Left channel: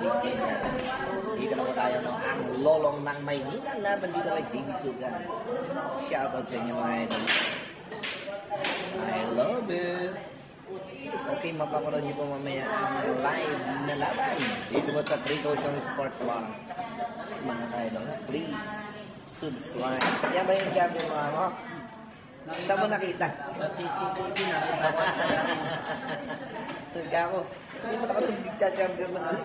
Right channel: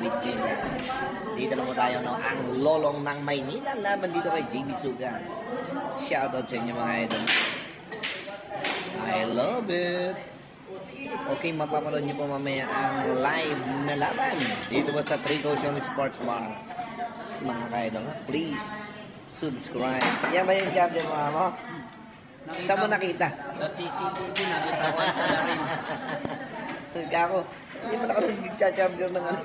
awit ngayon. Dito naman tayo, no? Ang lolong ng Maynila. Laban dito kay JB Sugan. Shoutout sa inyo mga idol. I love it. Okay, mapapanood niyo po mamaya ang live na laban dito ba sa 3 Ocean Sports Bar. Mga idol, please subscribe. Yan ba yung charger mga mo? Saan mo nakita? Sa CCTV nakita ko sa akin. Kako, hindi mo nakapag-charger ng ano.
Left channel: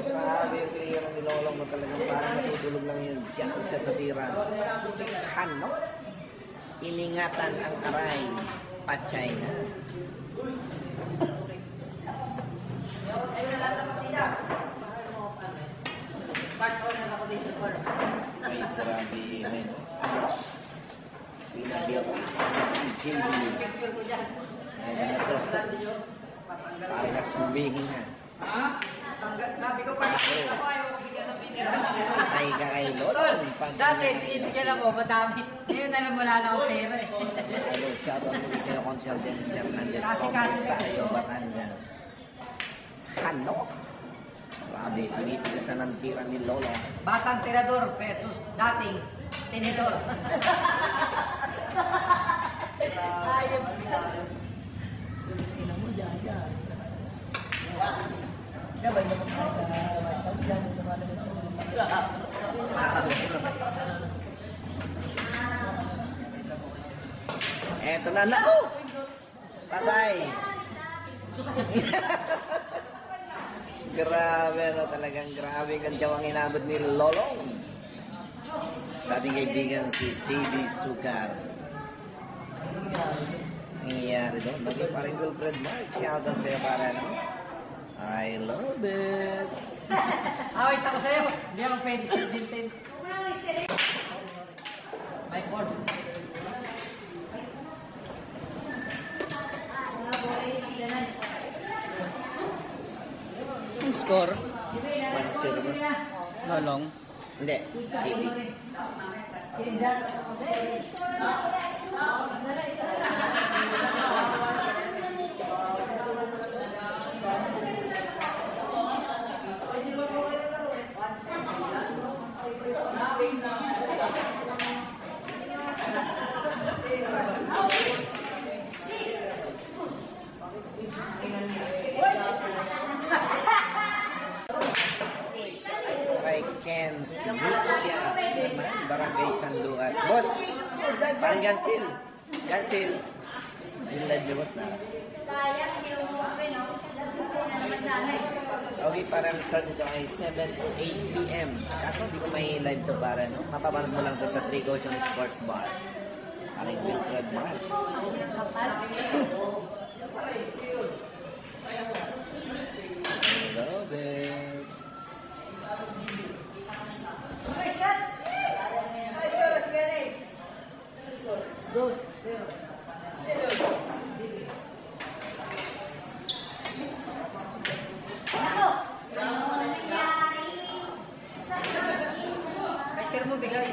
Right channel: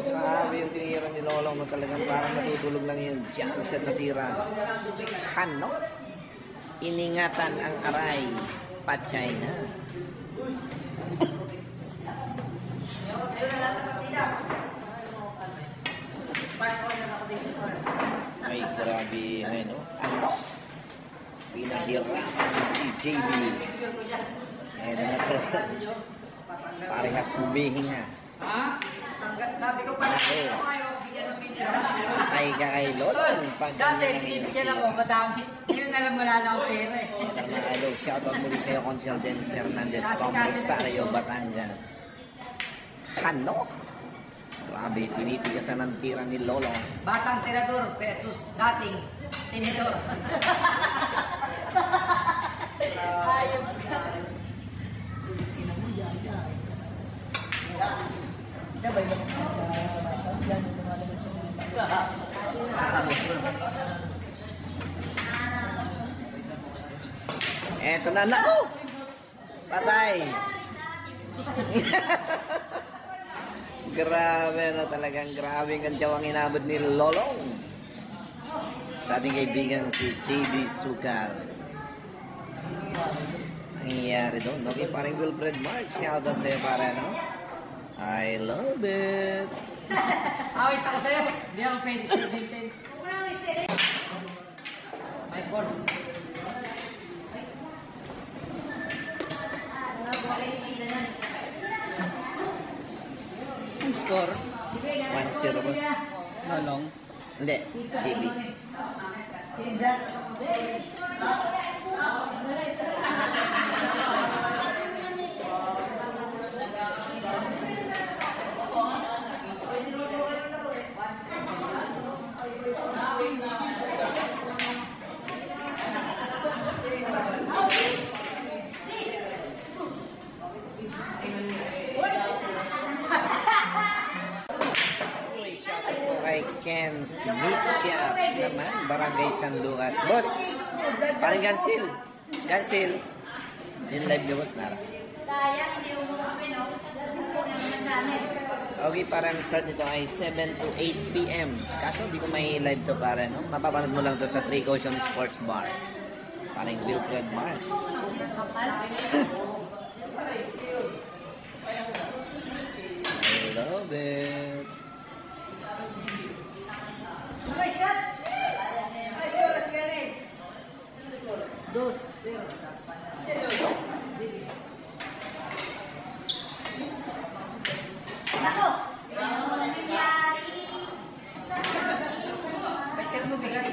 Marami yung tinira ni Lolong mo talagang parang natutulog lang yun. Diyan siya natira. Ano? Iningatan ang aray. Patay na. Ay, grabe. Ano? Pinahirapan si JB. Parang nasubihin na. Sabi ko pa, ayaw bigyan ng pinira. Patay ka kay Lolong. Dati, tinibigyan ako, madami. Ngayon alam mo na ang pera eh. Hello, shoutout muli sa'yo, Consul Dennis Hernandez from Rosario, Batangas. Ano? Grabe, pinitigasan ng tira ni Lolo. Batang tirador versus dating tinidor. Ayaw mo ka. Ina mo, yaya. Gabay naman ka sa White House. Yan yung lumalabas yung Eto na, naku! Patay! Grabe, ano talagang grabe ang kansyawang inabot ni Lolong. Sa ating kaibigan si JB Sugar. Nangyayari doon. Okay, parang Wilfred Mark. Shoutout sa'yo para, no? I love it. Wait ako sa'yo. Hindi ako pwede sa dintin. My board. Ang score? 1-0 boss. Lolong. Hindi, JB. Kay Ken Smithia naman, Barangay San Lucas. Boss, parang Gansil. Gansil. Yung live ni Boss Nara. Sayang, hindi umuwi, no? Pupunan naman sana eh. Okay, parang start nito ay 7 to 8 p.m. Kaso hindi ko may live to para, no? Mapapanood mo lang to sa 3 Ocean Sports Bar. Parang Wilfred Mark. Kapal. I love it. Ako! Ano nangyari? May share mo bigay.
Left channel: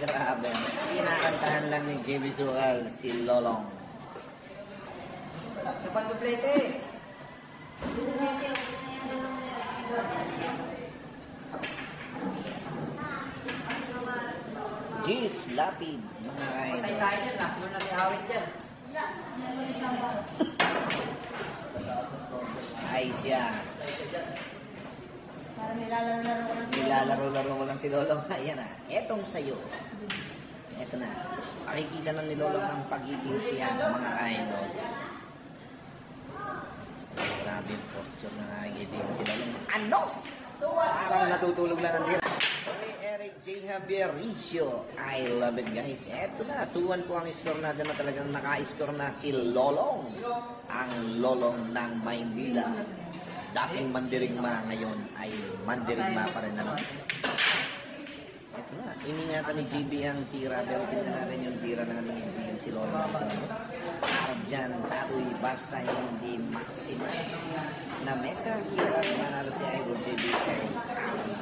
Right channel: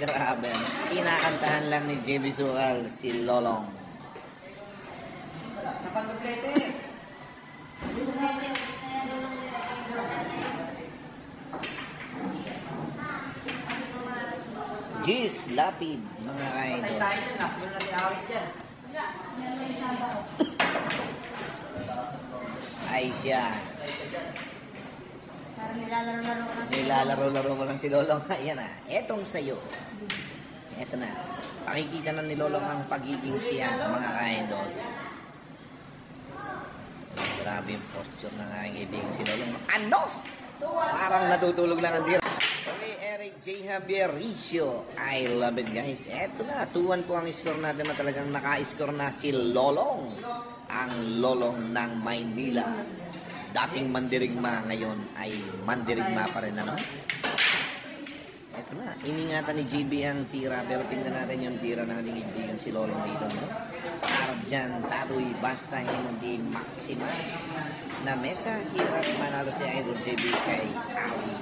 Grabe. Kinakantahan lang ni JB Sugal si Lolong. Sa pagduplete. Jeez, lapid, mga Patay idol. tayo dyan. Last mo na liawit dyan. Ay siya. Parang nilalaro-laro ko na siya. Nilalaro-laro mo lang si Lolong. Ayan na, etong sayo. Eto na. Pakikita na ni Lolong ang pagiging siya, mga idol. Grabe yung posture ng aking kaibigan si Lolong. Ano? Parang natutulog lang ang tira. Hey, Eric J. Javier Ricio. I love it, guys. Eto na, 2-1 po ang score natin na talagang naka-score na si Lolong. Ang Lolong ng Maynila. Dating mandirigma, ngayon ay mandirigma pa rin naman. Eto na, iningatan ni JB ang tira, pero tingnan natin yung tira ng ating kaibigan si Lolong dito. Arjan, Tatoy, basta hindi maximum. Na mesa, hirap manalo si Idol JB kay Ami.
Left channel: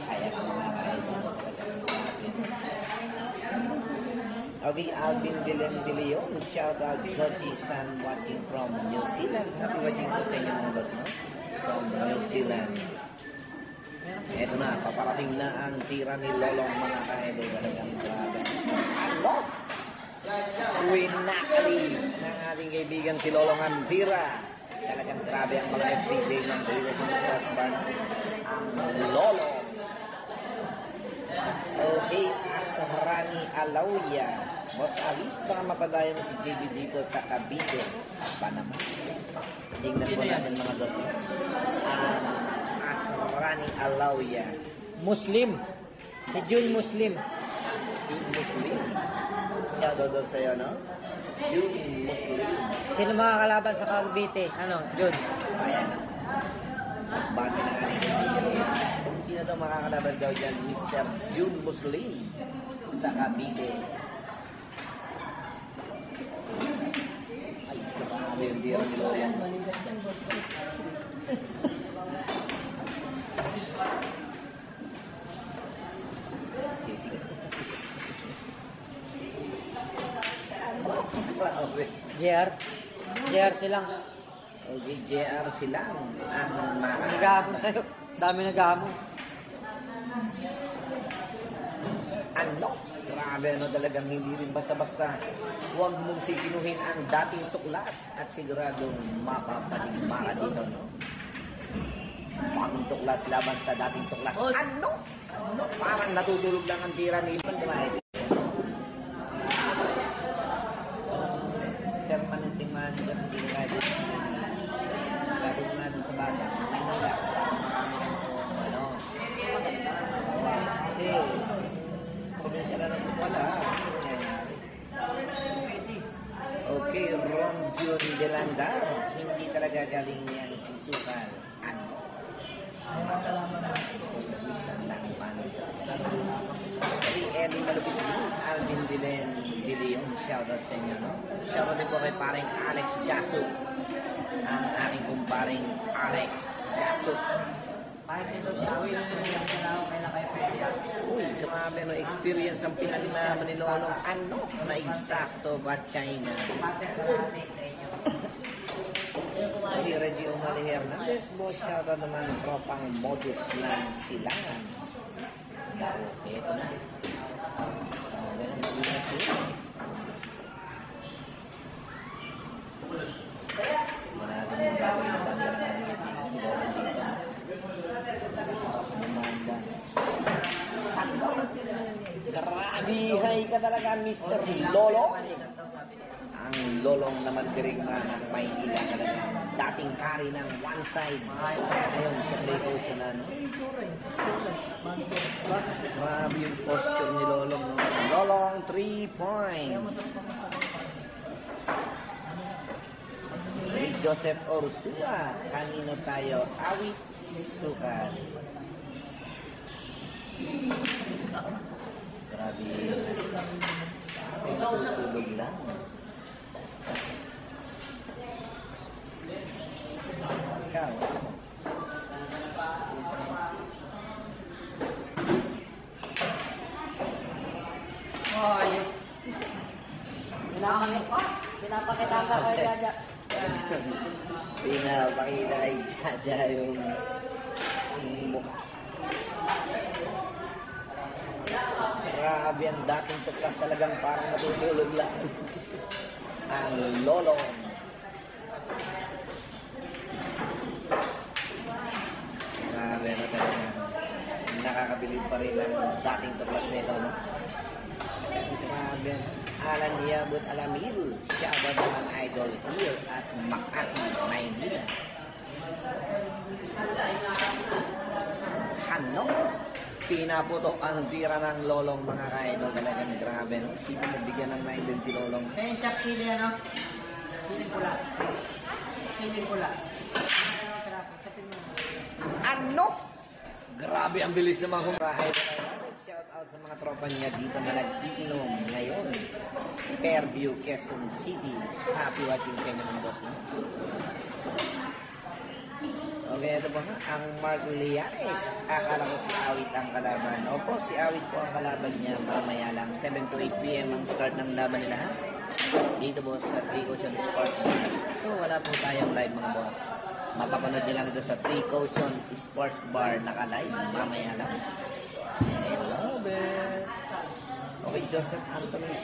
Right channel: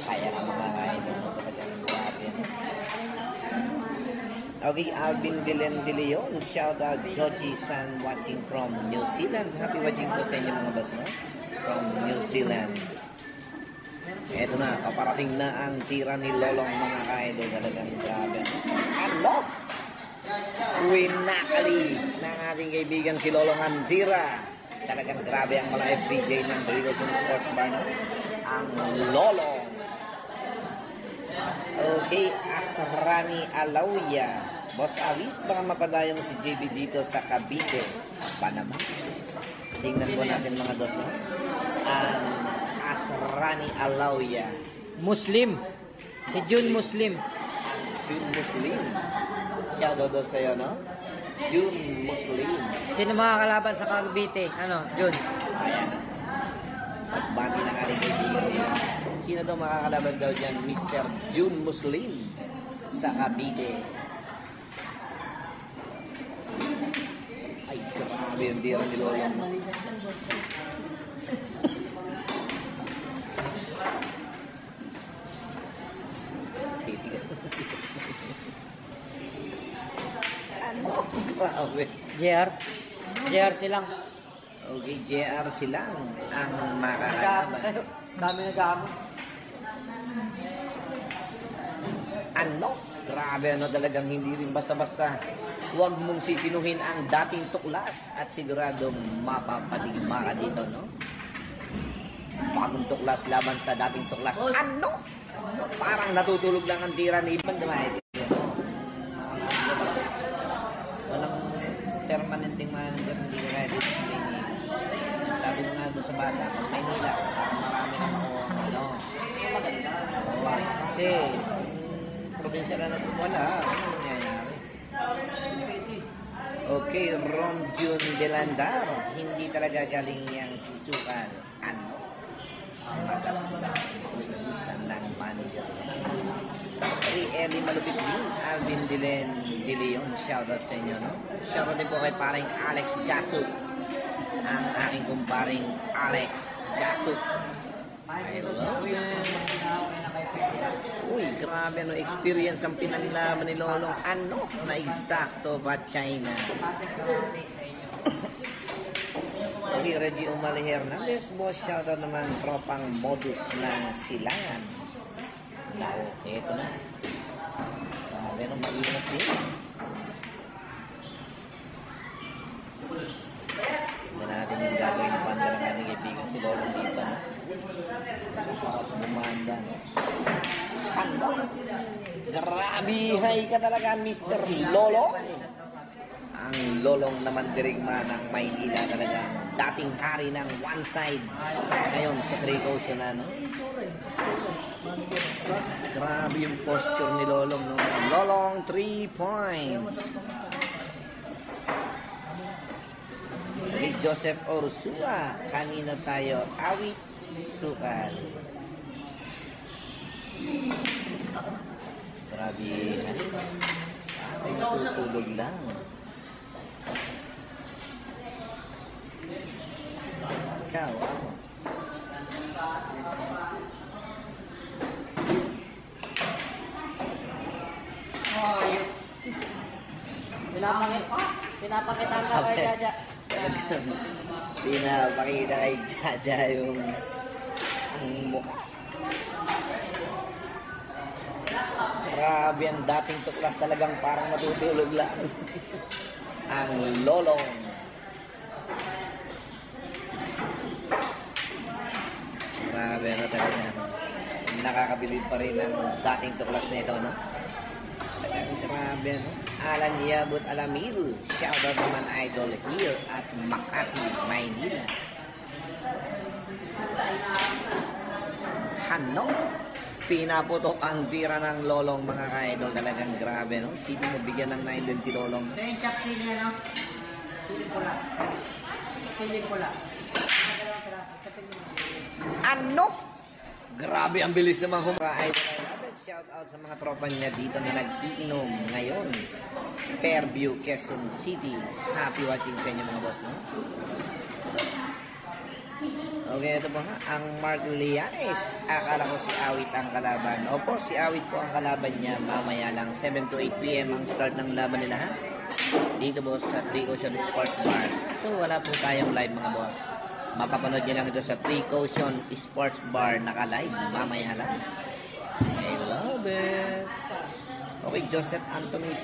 Kaya ka mga idol. Okay, Alvin De Leon, shout out Georgie San watching from New Zealand. Happy watching po sa inyo mga boss, no? From New Zealand. Eto na, paparating na ang tira ni Lolong mga ka-idol. Talagang grabe. Ano? Winakali ng ating kaibigan si Lolong ang tira. Talagang grabe ang mga FPJ ng Philippine Sports Bar, no? Ang Lolong. Okay, Asrani Alauya. Boss Avis, baka mapadayo mo si JB dito sa Cavite, Panama. Tingnan po natin mga boss, no? Ang Asrani Alauya. Muslim. Si June Muslim. Ang June Muslim. Shoutout daw sa'yo, no? June Muslim. Sino mga kalaban sa Cavite? Ano, June? Ayan. Bati ng ating kaibigan nila. Sino daw makakalaban daw dyan? Mr. June Muslim sa Cavite. Ay, grabe yung dira ni Lolong. Titigas na. Ano? Grabe. JR silang. Okay, JR silang ang Nagamo makakalaban. sa'yo. Dami nagamo. Ano? Grabe, ano, talagang hindi rin basta-basta. Huwag mong sisinuhin ang dating tuklas at siguradong mapapatigma ka dito, no? Bagong tuklas laban sa dating tuklas. Ano? Ano? Parang natutulog lang ang tira ni Ivan Dumaes. Walang permanenteng manager, hindi na kaya dito sa Maynila. Sabi mo nga doon sa bata, Maynila, marami ng ano. Kasi, probinsya na natin wala. Ano nangyayari? Okay, Rom June Delandar. Hindi talaga galing yang si Sukal. Ano? Ang matas na. Ubusan ng manager. Okay, Ellie Malupit din. Alvin De Leon. Shoutout sa inyo, no? Shoutout din po kay paring Alex Gasuk. Ang aking kumparing Alex Gasuk. Uy, grabe ano experience ang pinanilaman ni Lolong. Ano? Na eksakto ba China? Okay, Reggie Umali Hernandez. Boss, shoutout naman tropang modus ng silangan. Okay, ito na. Grabe ano, mag-ingat din. Hindi natin yung gagawin na banda ng ating kaibigan si Lolong dito. Sa kumanda. Ano? Grabe, hay ka talaga, Mr. Lolo. Ang Lolong naman dirigma ng Maynila talaga. Dating hari ng one side. Ngayon, sa precaution na, no? Grabe yung posture ni Lolong, no? Lolong, 3 points. Ni Joseph Orsua. Kanino tayo? Awit Sukal. Grabe. Ay, tutulog lang. Ikaw. Pinapakita ang Okay. Pinapakita kay Jaja yung mukha. Grabe ang dating tuklas talagang parang matutulog lang. Ang Lolong. Grabe na talaga. Nakakabilib pa rin ang dating tuklas nito, no? Grabe, no? Alan Yabut Alamil. Shoutout naman idol here at Makati, Maynila. Ano? Pinaputok ang tira ng Lolong mga ka-idol. Talagang grabe, no? Sino mo bigyan ng 9 din si Lolong? Kaya yung chak sili, ano? Sili pula. Sili pula. Ano? Grabe, ang bilis naman kumakain. Shout out sa mga tropa niya dito na nag-iinom ngayon. Fairview, Quezon City. Happy watching sa inyo mga boss, no? Okay, ito po ha. Ang Mark Lianes. Akala ko si Awit ang kalaban. Opo, si Awit po ang kalaban niya. Mamaya lang 7 to 8 p.m. ang start ng laban nila ha. Dito po sa 3 Ocean Sports Bar. So wala po tayong live mga boss. Mapapanood nyo lang ito sa 3 Ocean Sports Bar naka-live. Mamaya lang. I love it. Okay, Joseph Anthony.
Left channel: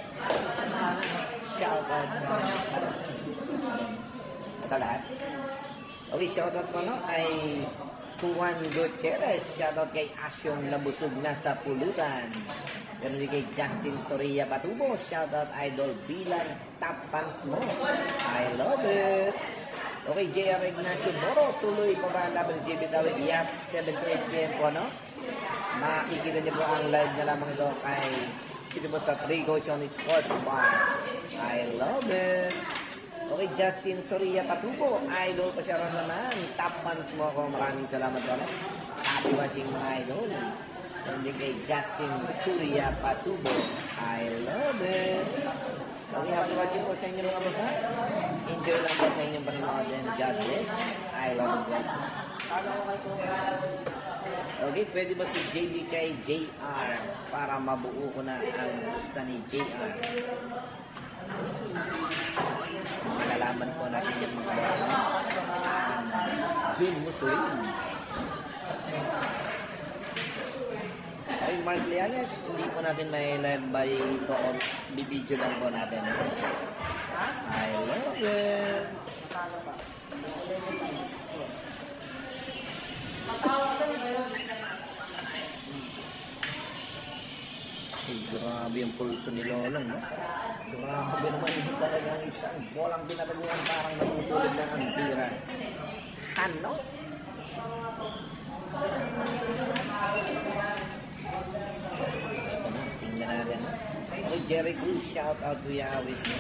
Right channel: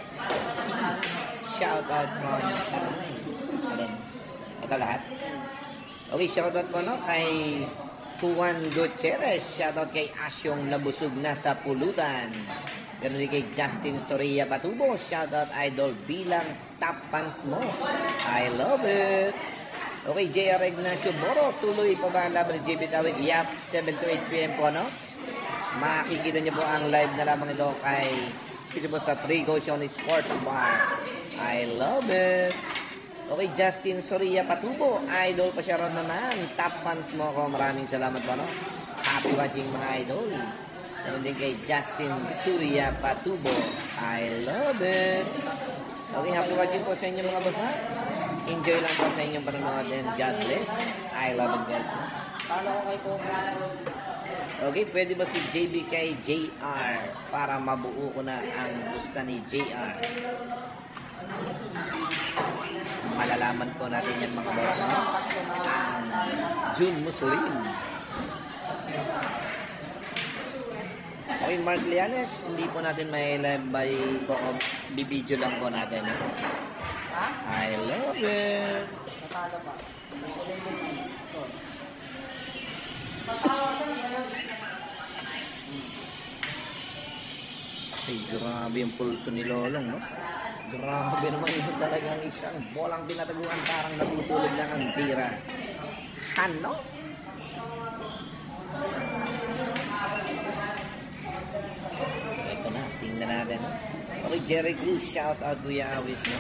Shout out from ito lahat. Okay, shoutout po no kay Juan Gutierrez. Shoutout kay Asyong nabusog na sa pulutan. Ganun din kay Justin Soria Patubo. Shoutout idol bilang top fans mo. I love it. Okay, JR Ignacio Moro. Tuloy pa ba ang laban ni JB Tawid? Yap, 7 to 8 p.m. po no. Makikita niyo po ang live na lamang ito kay dito po sa 3 Ocean Sports Bar. I love it. Okay, Justin Soria Patubo. Idol pa siya rin naman. Top fans mo ako. Maraming salamat po. No? Happy watching mga idol. And din kay Justin Soria Patubo. I love it. Okay, happy watching po sa inyo mga boss. Ha? Enjoy lang po sa inyong panunod and God bless. I love it guys. Okay, pwede ba si JB kay JR para mabuo ko na ang gusto ni JR? Malalaman po natin yan mga boss. June Muslim. Okay, Mark Lianes, hindi po natin may live by bibidyo lang po natin. I love it. Ay, grabe yung pulso ni Lolong, no? Grabe naman yun talagang isang bolang pinataguan parang natutulog lang ang tira. Ano? Ito na, tingnan natin. No? Okay, Jerry Cruz, shout out to Yawis. No?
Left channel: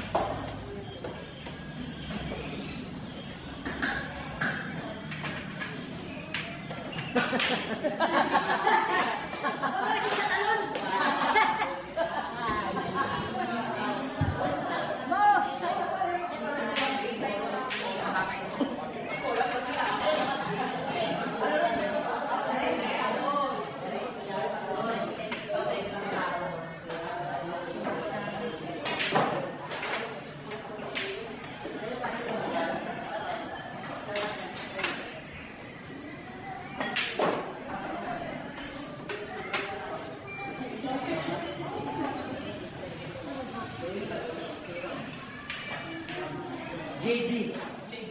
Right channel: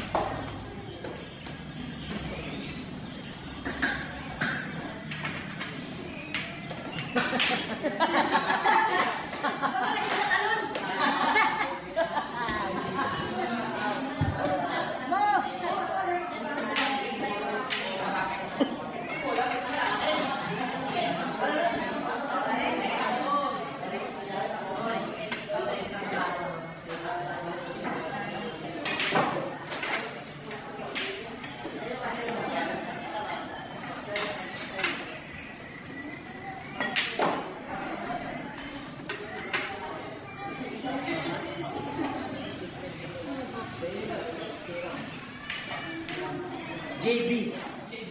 JB.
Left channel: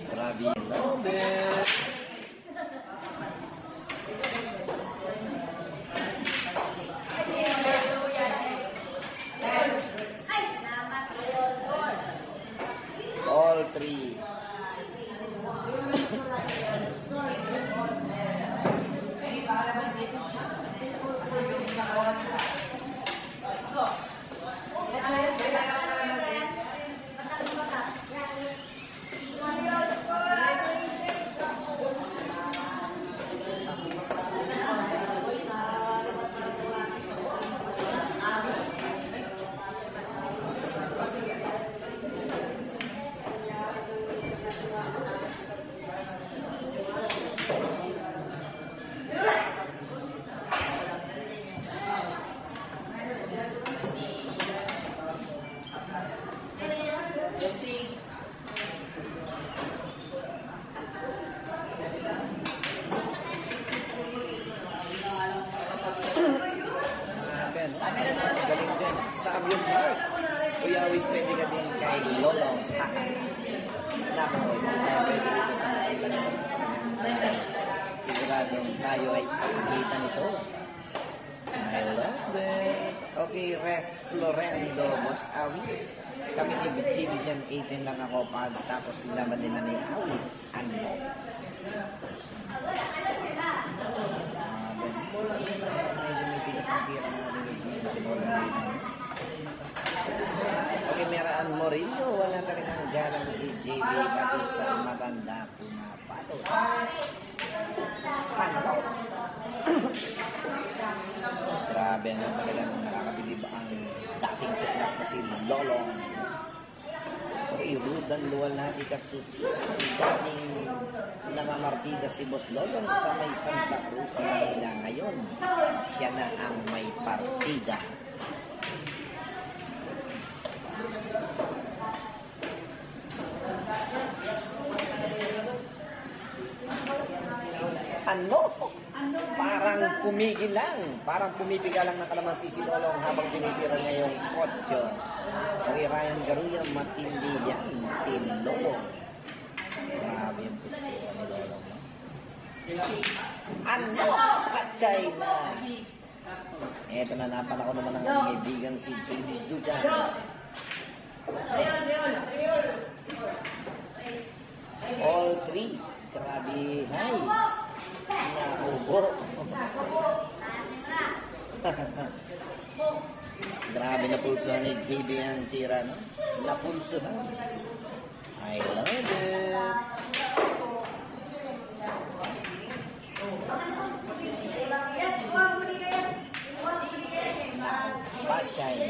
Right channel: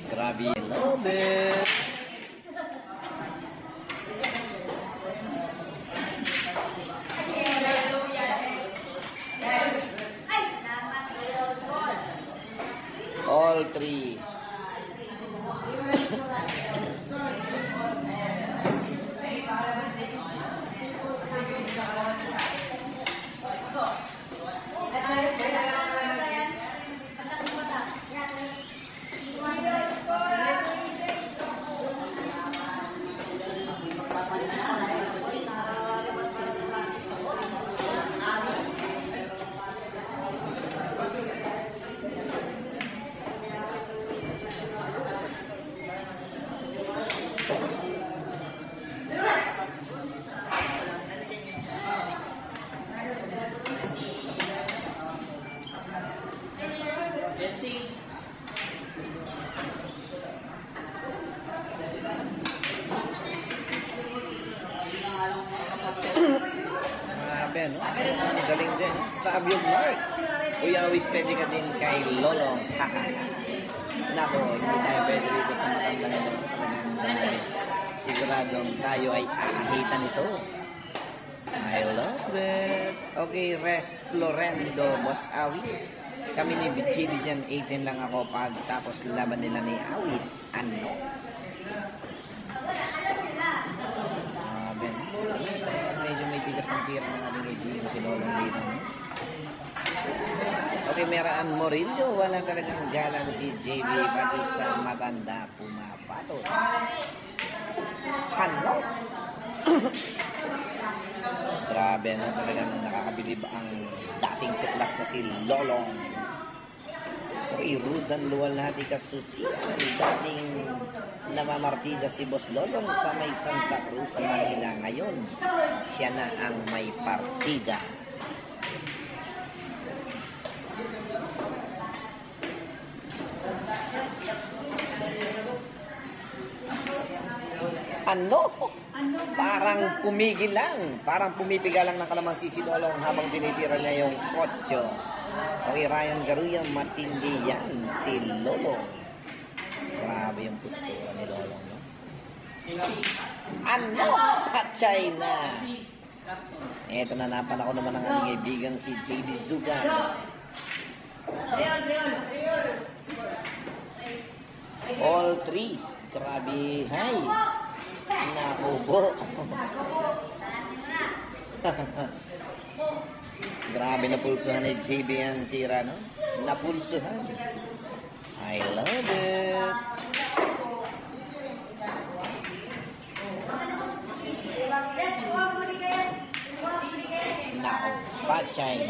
Grabe, love it. All three. Galing din. Sabi yung Mark. Kuya Awis, pwede ka din kay Lolong. Nako, hindi tayo pwede dito sa mga. Siguradong tayo ay akahitan ito. I love it. Okay, Res Florendo, Boss Awis. Kami ni BGB dyan, 18 lang ako pagtapos laban nila ni Awit. Ano? Medyo may tigas ng tira ng ating ibigin si Lolong dito. Okay, Meraan Morillo. Walang talagang galang si JB pati sa matanda po na pato. Ano? Grabe na talagang nakakabilib ang dating tuklas na si Lolong. Okay, kay Rudan Luwalhati Kasusian. Dating namamartida si Boss Lolong sa may Santa Cruz sa Manila. Ngayon, siya na ang may partida. Ano? Parang pumigil lang. Parang pumipiga lang ng kalamansi si Lolong habang tinitira niya yung 8. Okay, Ryan Garuya, matindi yan si Lolong. Grabe yung postura ni Lolong. No? Ano? Patay na. Eto na, napala ko naman ang aming kaibigan si JB Zugan. All 3. Grabe, hi. Naubo. Grabe na pulsuhan ni JB ang tira, no? Napulsuhan. I love it. Pachay.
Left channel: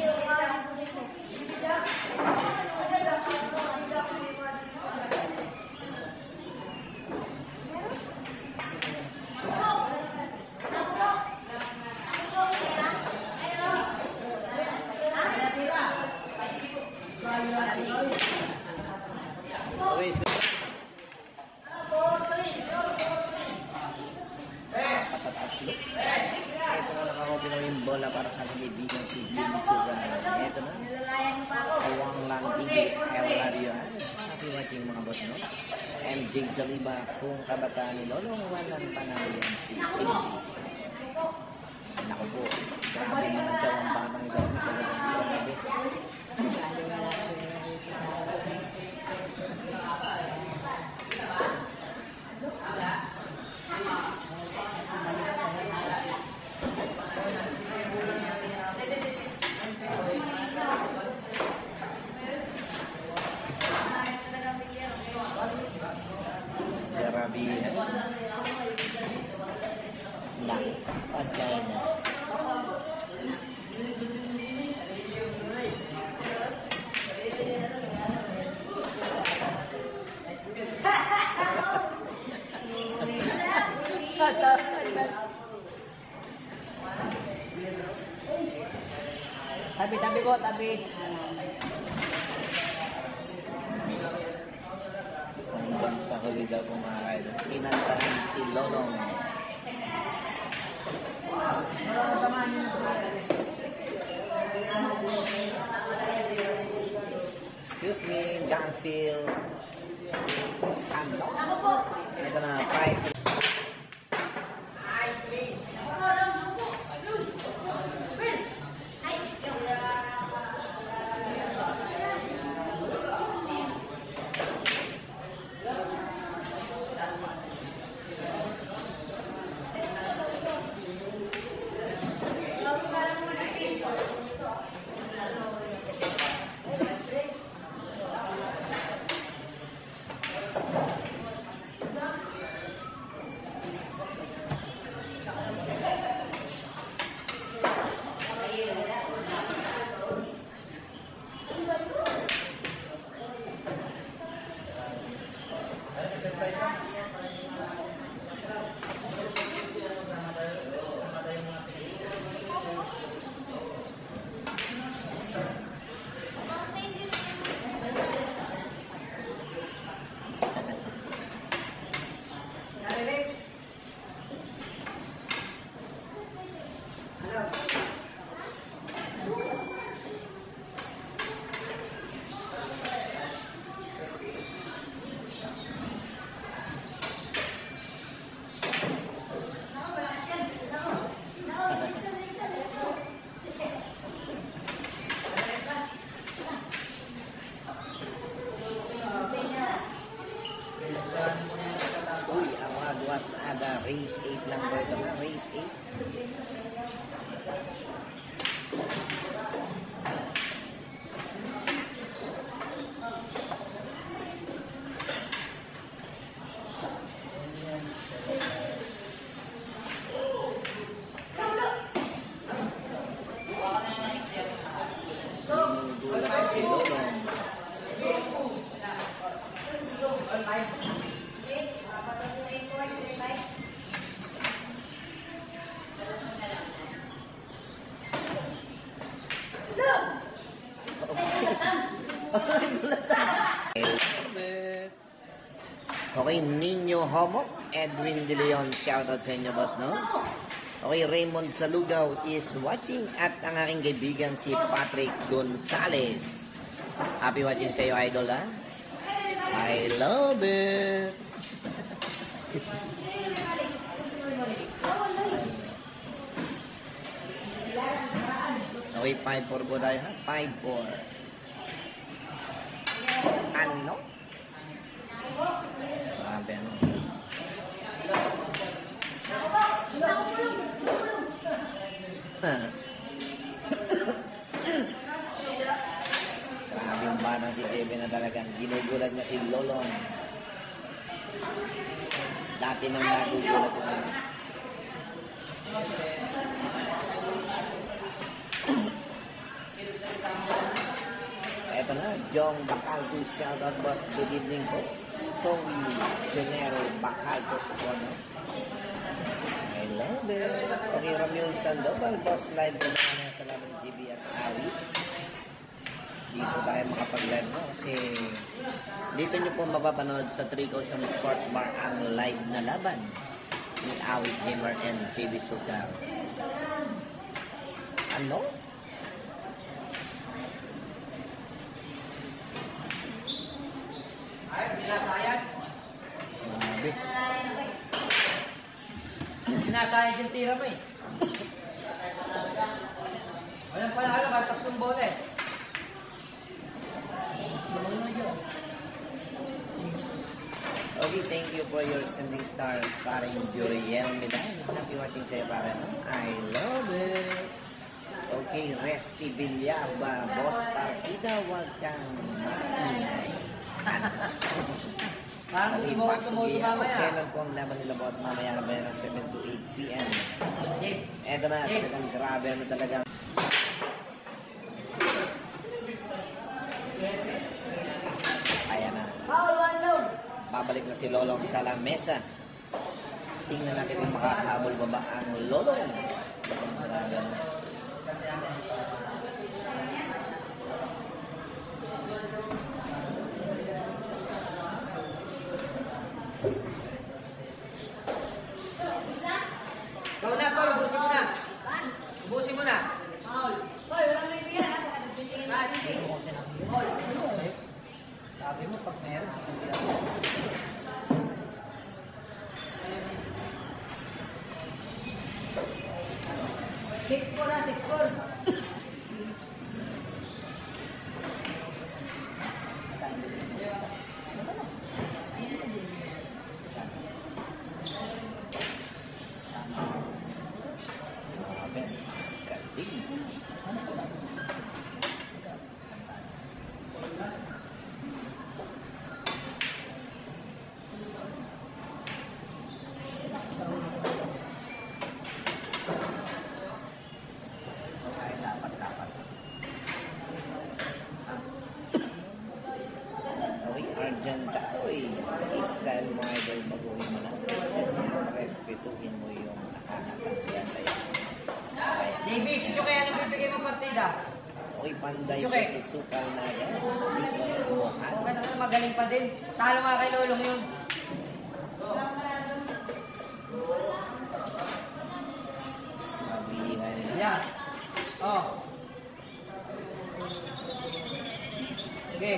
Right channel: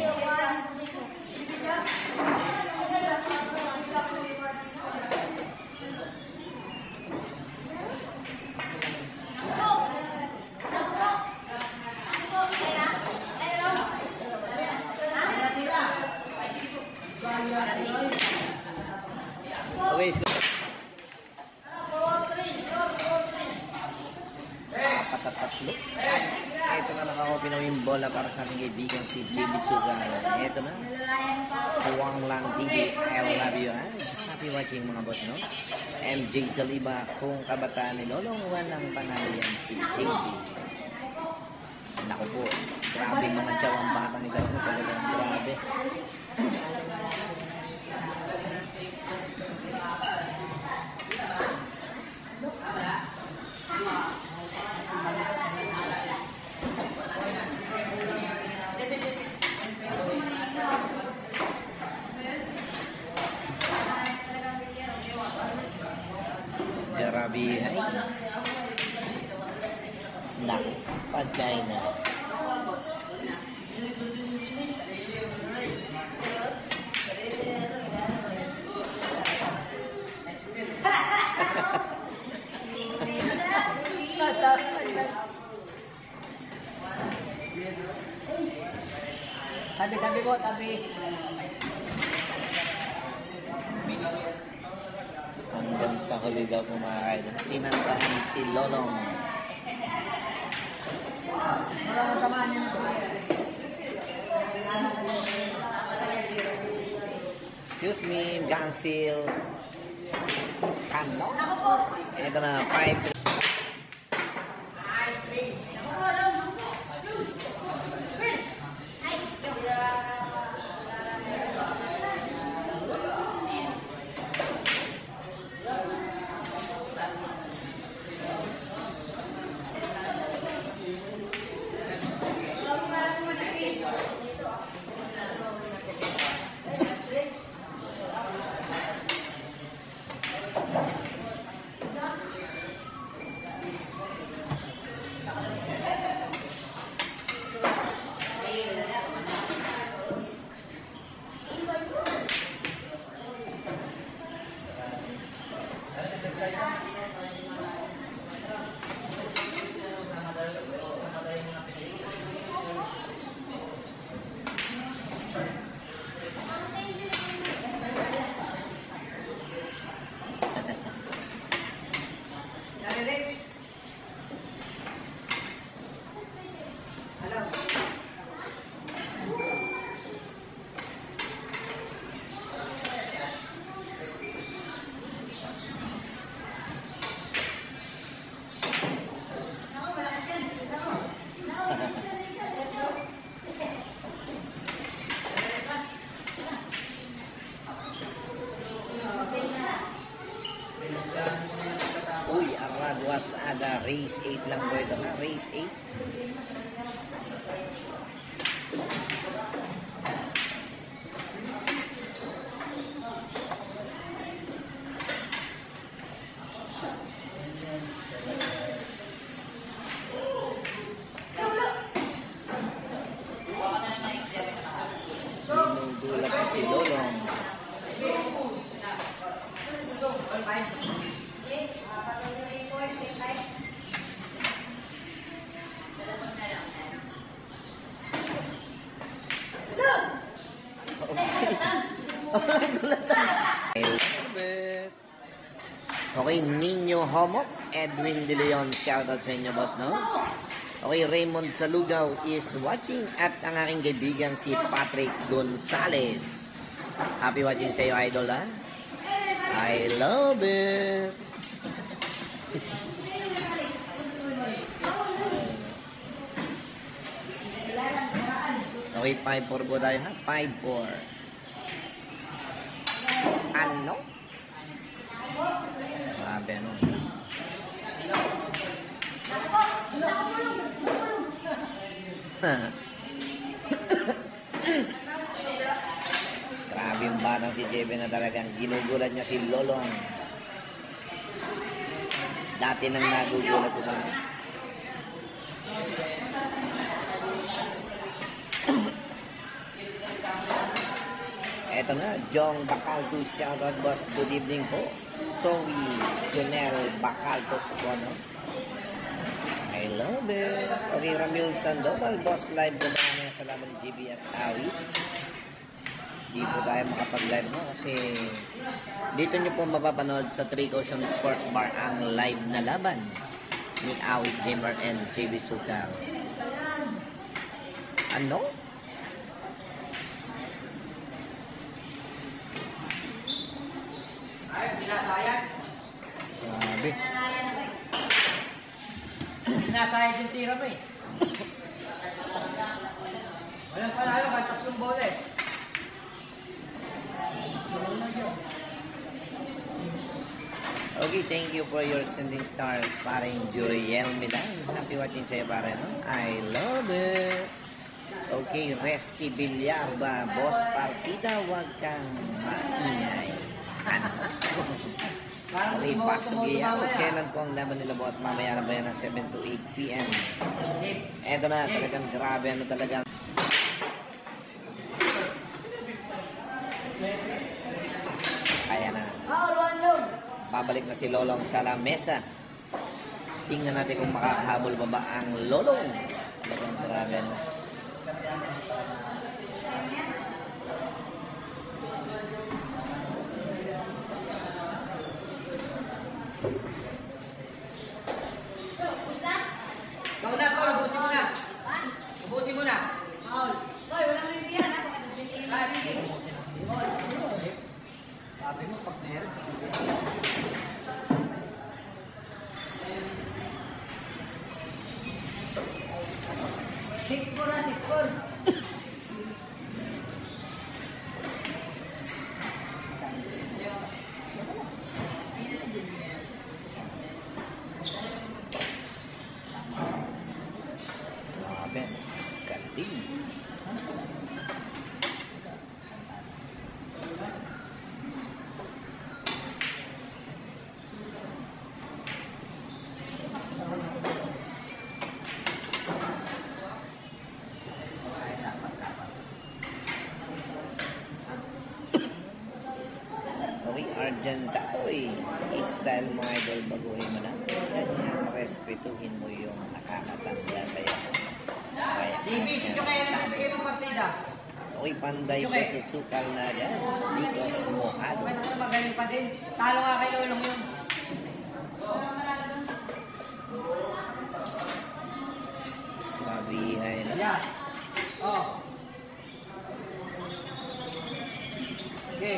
Okay, so nakakatatlo. Ito na nakakopi na yung bola para sa ating kaibigan si JB Sugan. Ito na. Huwang lang tinggi. I love you. Happy watching mga boss, no? MJ Saliba, kung kabataan ni Lolong, walang pangalan si JB. Naku po. Grabe mga tsawang batang ni Lolong. Grabe. Jarabi. Nak, pacay na. Tabi po, tabi. Hanggang sa huli daw kumain. Pinantahan si Lolong. Maraming tamaan yun ito. Excuse me, gun steel. Kanda. Ito na, 5. Uy, ada race 8 lang po ito. Race 8. Sinudulak si Lolong. Okay, Nino Homo, Edwin De Leon, shoutout sa inyo, boss, no? Okay, Raymond Salugaw is watching at ang aking kaibigan si Patrick Gonzales. Happy watching sa iyo, idol, ha? I love it! Okay, 5-4 po tayo, ha? 5-4. Ano? Grabe, ano? Grabe yung batang si Jebe na talagang ginugulat niya si Lolong. Dati nang nagugulat ko na. Eto na, Jong Bacalto, shoutout, boss. Good evening po. Zoe Jonel Bacaltos po, no? I love it. Okay, Ramil Sandoval, boss, live po na sa laban ng GB at Awi. Hindi po tayo makapag-live mo kasi dito nyo po mapapanood sa 3000 Sports Bar ang live na laban ni Awit Gamer and JB Sukal. Ano? Grabe. Pinasayad yung tira mo eh. Walang panalo, kahit 3 bola eh. Okay, thank you for your sending stars, paring Juriel Milan. Happy watching sa'yo, pare. I love it. Okay, Resty Villaba, boss partida, huwag kang maingay. Parang Okay, sumuha Pastor sumuha Guillermo, mamaya. kailan po ang laban nila, boss? Mamaya na ba yan ng 7 to 8 p.m. Eto na, talagang grabe, ano talaga. Kaya na. Babalik na si Lolong sa lamesa. Tingnan natin kung makakahabol ba ba ang Lolong. Talagang grabe, ano. Ubusin mo na. Hoy, walang may biyan, ha? Sabi mo, pag meron, six four na, 6-4. Grabe. Galing. Okay, Argent Tatoy. Style mo, idol, baguhin mo lang. Respetuhin mo yung nakakatanda sa'yo. Division nyo kaya nang bibigay mo partida. Okay, Panday po si Sukal na yan. Because Mojado. Ano, magaling pa din. Talo nga kay Lolong yun. Mabihay na. Yeah. Oh. Okay.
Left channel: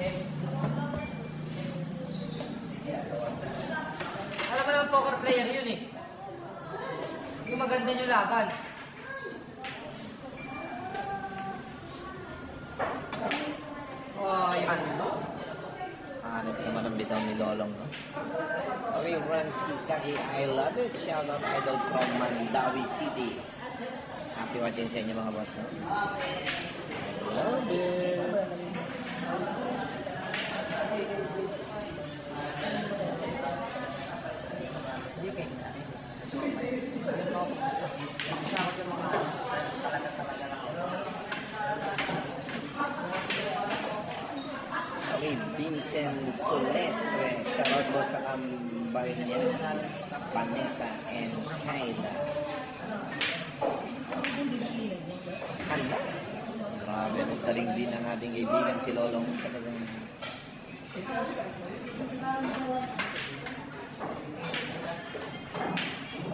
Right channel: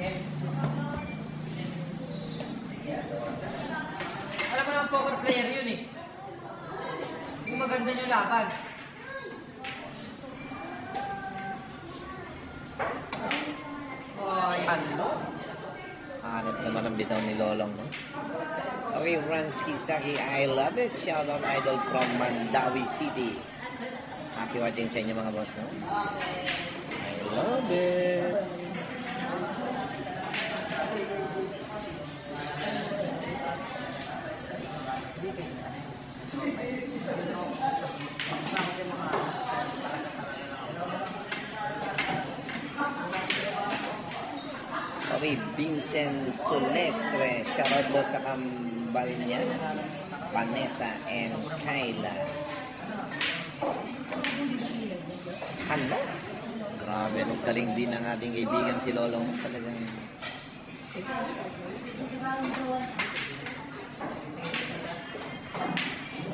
Okay. Alam mo naman poker player yun eh. Yung maganda yung laban. Oh, yan. Hanap naman ang bitaw ni Lolong. No? Okay, Ransky Saki, I love it. Shout out, idol from Mandawi City. Happy watching sa inyo, mga boss. No? I love it. Okay, Vincent Solestre. Shoutout mo sa kambal niya. Vanessa and Kyla. Ano? Grabe, ang galing din ng ating kaibigan si Lolong. Talagang...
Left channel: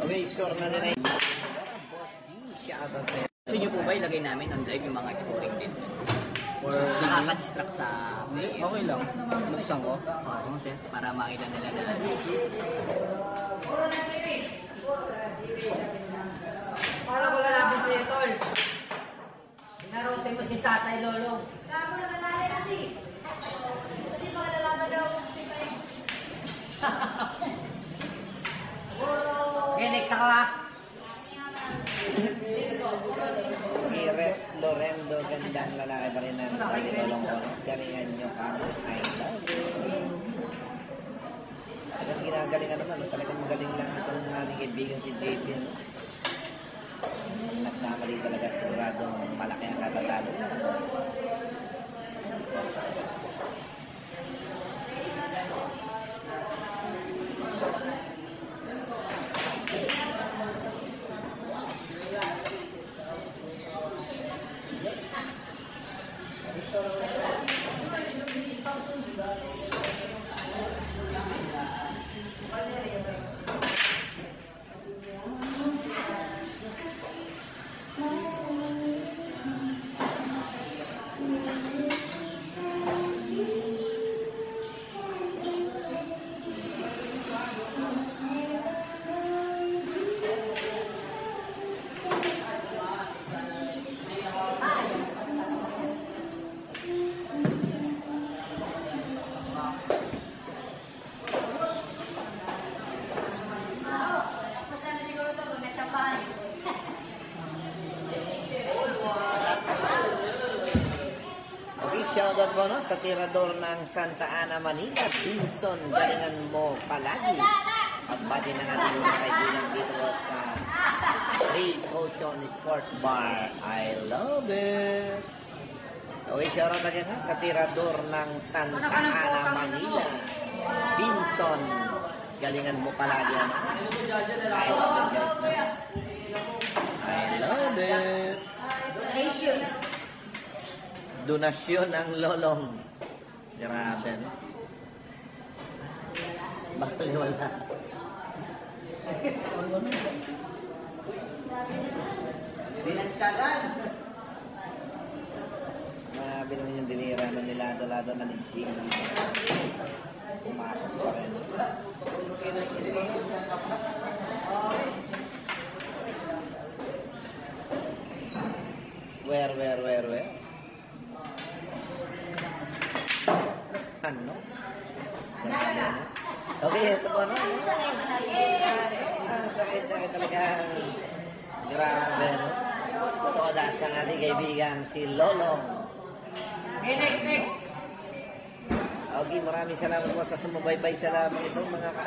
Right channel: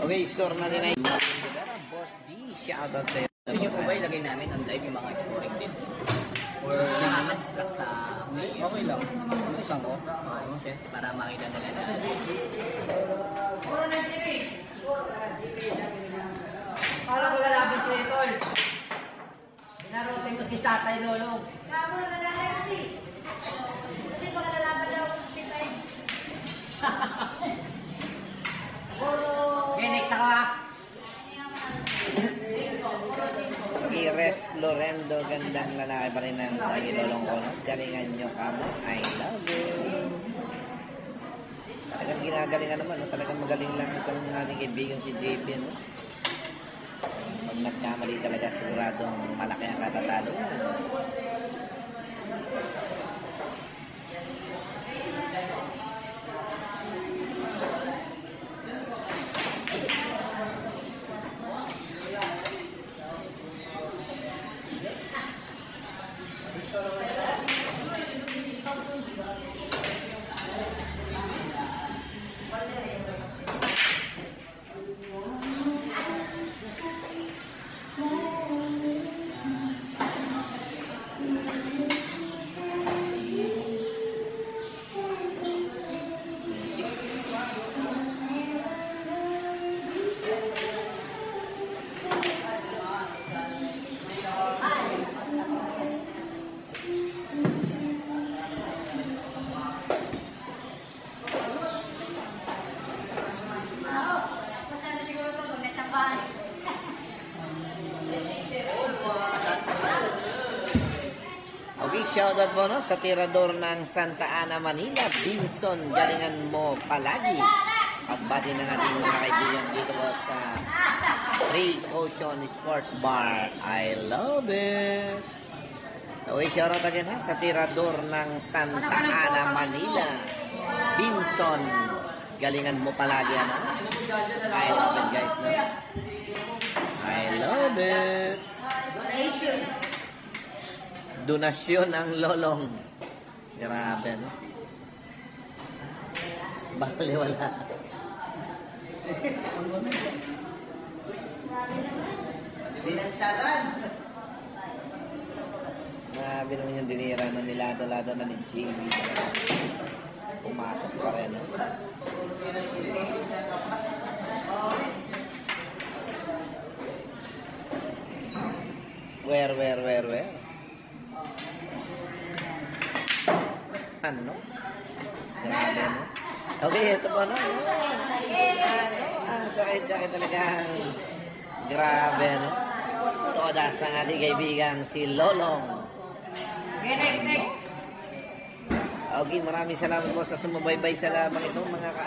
Okay, score na nila. Boss G, shoutout sa'yo. Gusto nyo po ba ilagay namin on live yung mga scoring din? Or nakaka-distract sa... Okay lang. Buksan ko. Para makita nila na. Para ko lalabing si Tol. Pinarote mo si Tatay Lolo. Kaya mo nag-alalay kasi. Kasi baka lalaban daw kung pitay. Okay, next ako ha. Ires Lorendo, gandang lalaki pa rin ng lagi Lolong Kono. Galingan nyo kamo. I love you. Talagang ginagalingan naman. Talagang magaling lang itong ating kaibigan si JP. No? Nagkamali talaga siguradong malaki ang katatalo. Shoutout po no, sa tirador ng Santa Ana, Manila, Binson, galingan mo palagi. At bati ng ating mga kaibigan dito sa Ray Ocean Sports Bar. I love it. Okay, shoutout again ha, sa tirador ng Santa Ana, Manila, Binson, galingan mo palagi. Ano? I love it guys. No? I love it. Donasyon ang Lolong. Grabe, no? Bali, wala. Binansagan. Grabe naman yung dinira na nilado-lado na ni Jamie. Pumasok pa rin. No? Where? Ano? Okay, ito po na. Ang sakit-sakit talaga. Grabe, no? Todas ang ating kaibigan si Lolong. Okay, next. Okay, maraming salamat po sa sumubaybay sa lamang ito mga